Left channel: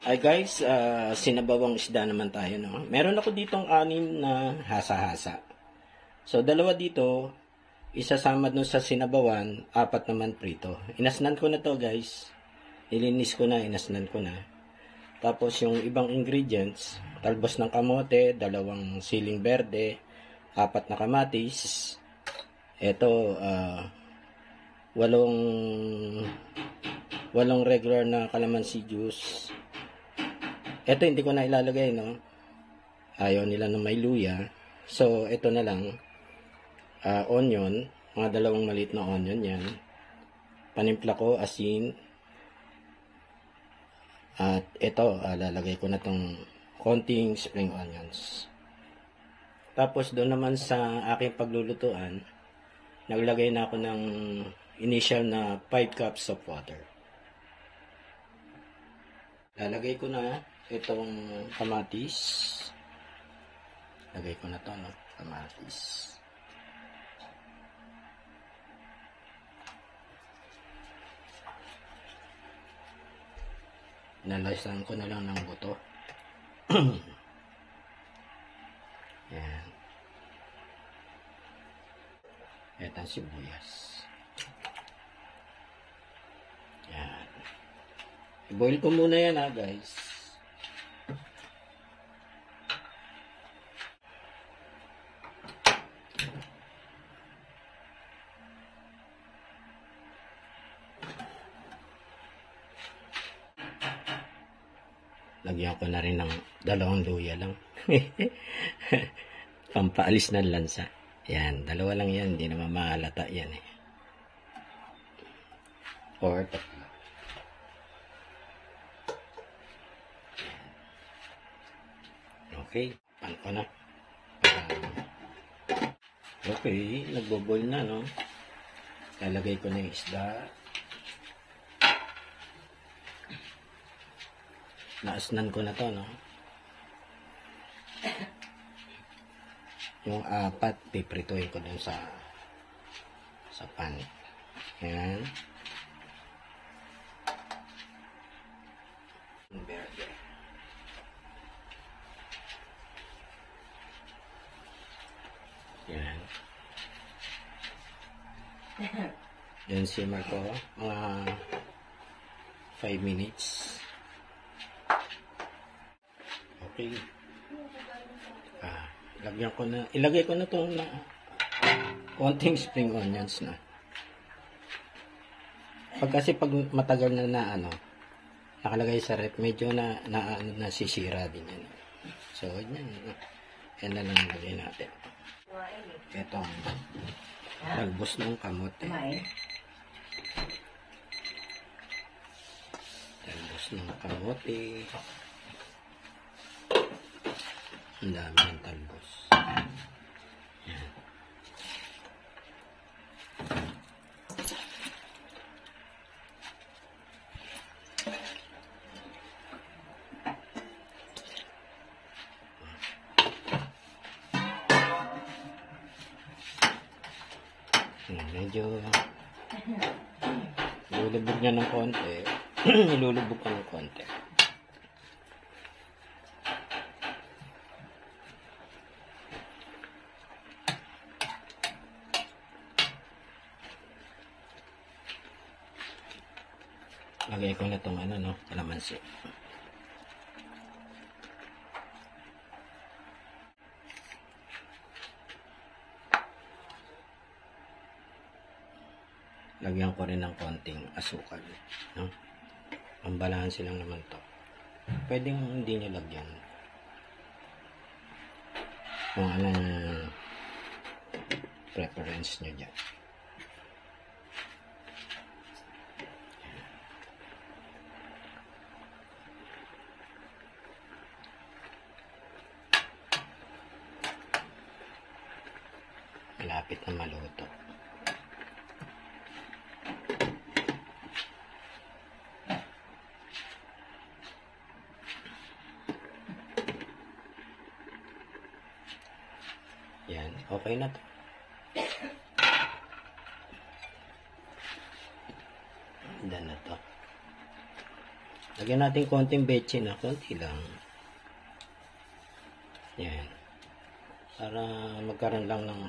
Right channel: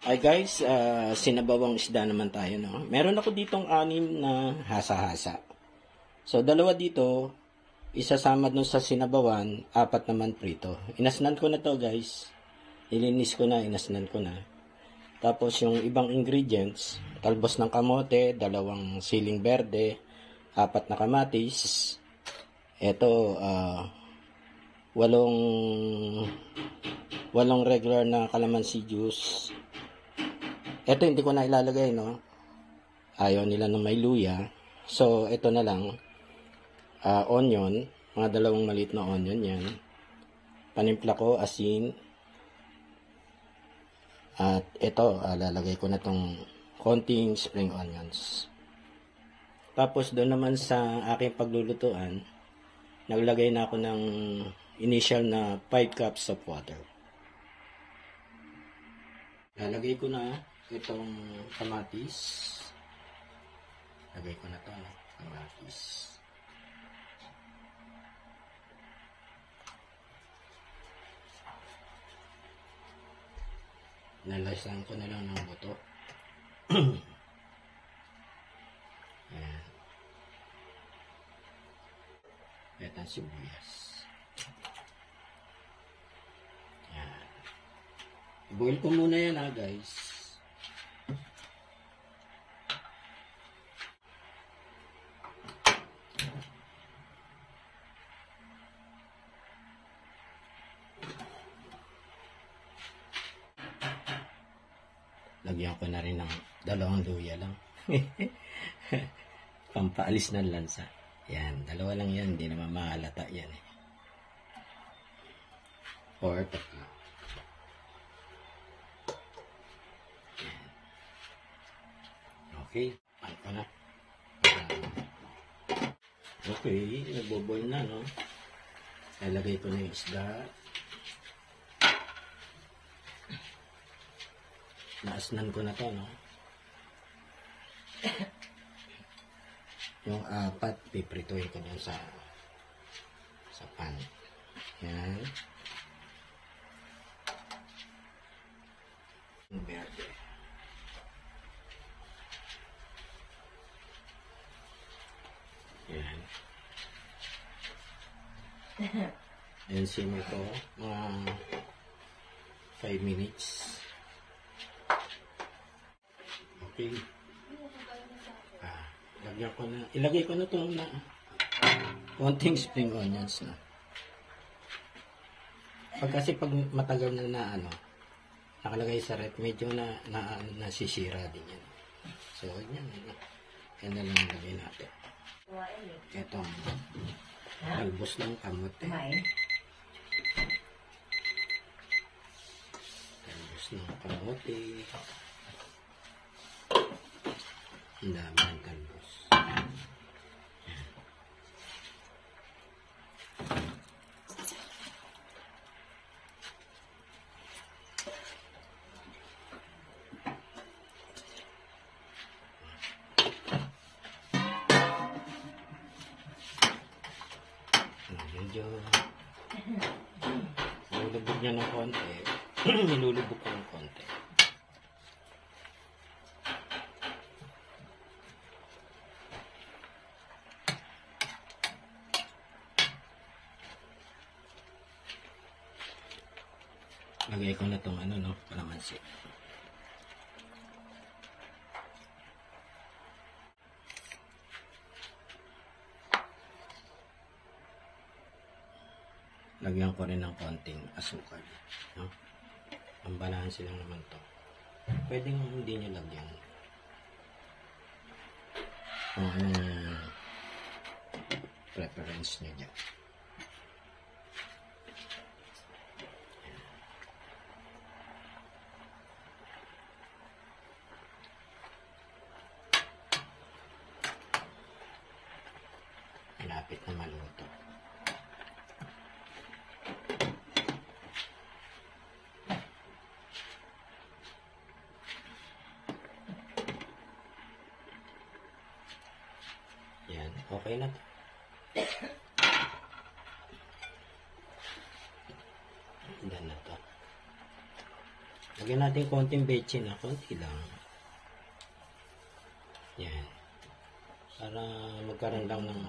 Hi guys, sinabawang isda naman tayo, no? Meron ako ditong 6 na hasa-hasa. So, 2 dito, isasama dun sa sinabawan, 4 naman prito. Inasnan ko na to guys. Nilinis ko na, inasnan ko na. Tapos yung ibang ingredients, talbos ng kamote, 2 siling berde, 4 na kamatis. Ito, 8 regular na calamansi juice. Ito hindi ko na ilalagay, no? Ayaw nila ng may luya. So, ito na lang. Onion. Mga 2 maliit na onion yan. Panimpla ko, asin. At ito, lalagay ko na tong konting spring onions. Tapos, doon naman sa aking paglulutuan, naglagay na ako ng initial na 5 cups of water. Lalagay ko na itong kamatis. Lagay ko na ito, no? Kamatis. Nalasahan ko na lang ng buto. Yan. Ito ang sibuyas. Yan. I-boil ko muna yan, ha, guys. Lagyan ko na rin ng 2 luya lang. Pampaalis ng lansa. Yan, 2 lang yan. Hindi naman mahalata yan eh. Or 3. Okay, pan ko na. Okay, nagbo-boil na, no? Lalagay ko na yung isda. Naasnan ko na to, no? Yung 4, piprituhin ko dun sa pan. Yan. Verde. Yan. Yan, simmer ko mga 5 minutes. Okay. Lagyan ko na, ilagay ko na itong konting spring onions na. Kasi pag matagal na nakalagay sa rep, medyo nasisira din yan. So, yan na lang lagay natin. Ito, talbos ng kamote. Talbos ng kamote. Ang dami ng talbos. Yan. Medyo nilulubog niya ng konti. Nilulubog ko ng konti. Lagay ko na itong kalamansi. Lagyan ko rin ng konting asukal. No? Pambalanse lang naman to. Pwedeng hindi nyo lagyan. Kung anong preference nyo dyan. Malapit na maluto. Yan, okay na to. Done na to. Lagyan natin konting betchin na. Konti lang. Yan. Para magkaroon lang ng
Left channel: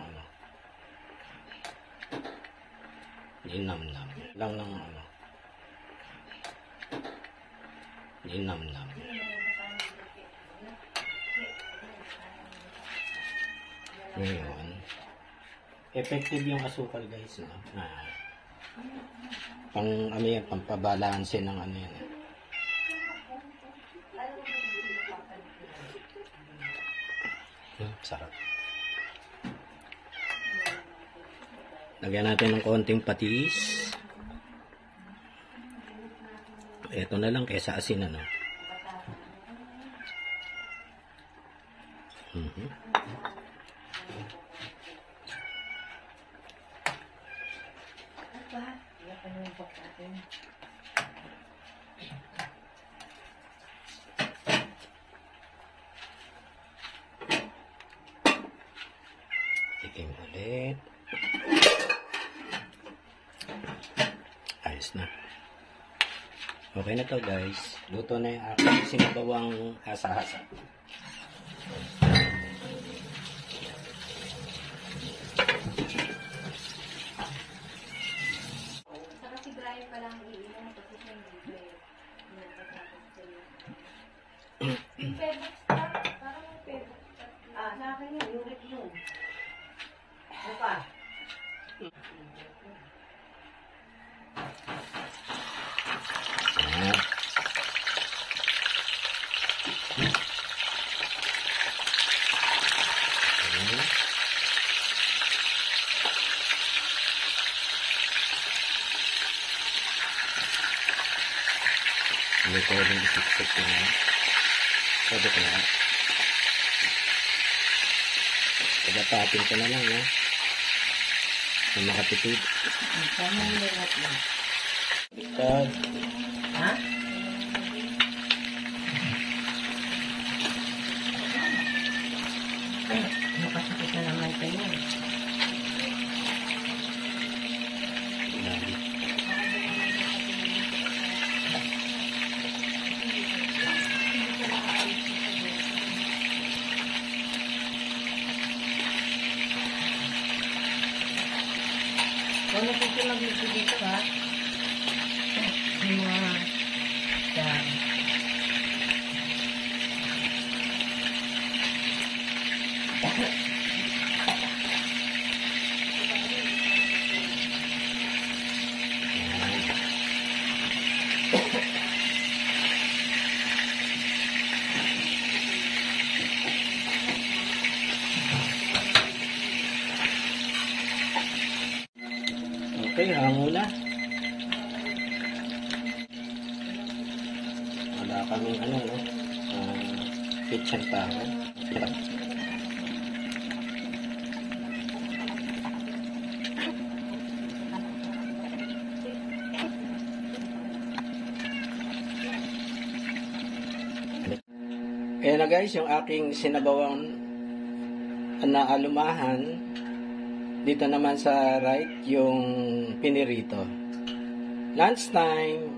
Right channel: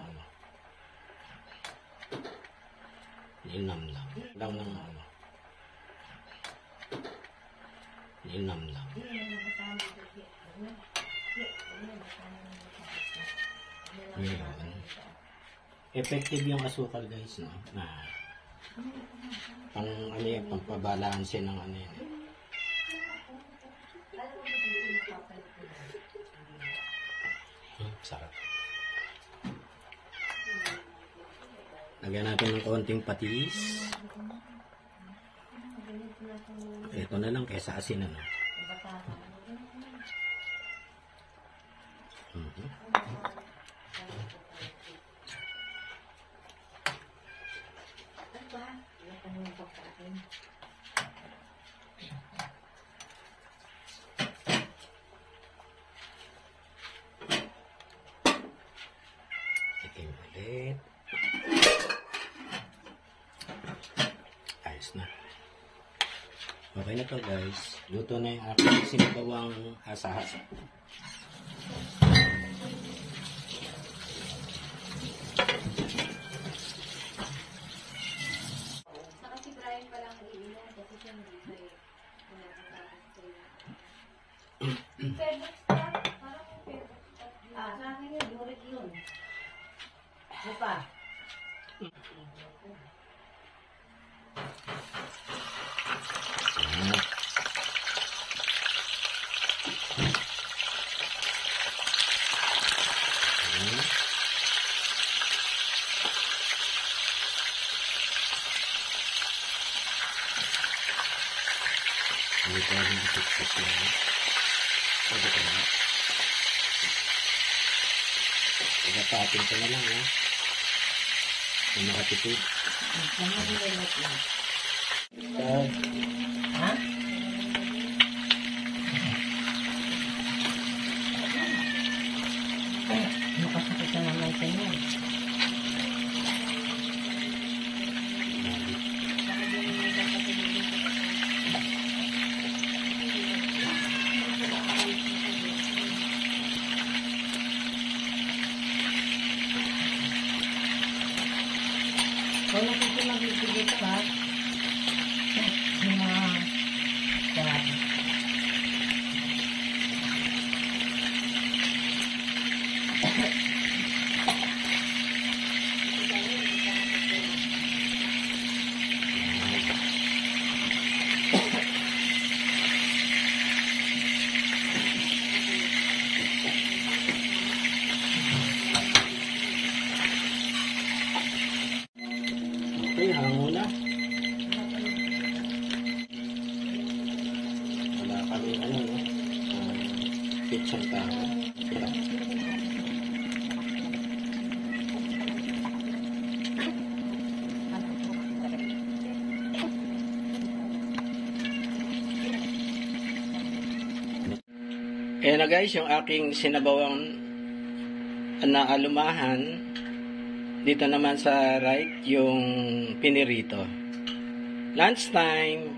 linamnam. Lang ng linamnam. Ngayon. Effective yung asukal guys, no? Ano yan, pampabalansin ng ano yan. Sarap. Lagyan natin ng konting patis. Ito na lang kaysa asin, ano. Tikim ulit. Ayos na. Okay na to guys. Luto na yung aking sinabawang hasa-hasa. Sa akin yun, yurik yun. Opa. Hindi ko rin isip-sip na. Pwede ko lang. Pagkatatin ko na lang, ha? Yung makatipid. Sama nila natin. Ha? Nakasakit na naman kayo. Kung nakikinig dito ha, yung mga okay, hango na. Wala kami ano, no? Kitchen pa. Ayan na guys, yung aking sinabawang na alumahan. Dito naman sa right, yung pinirito. Lunch time.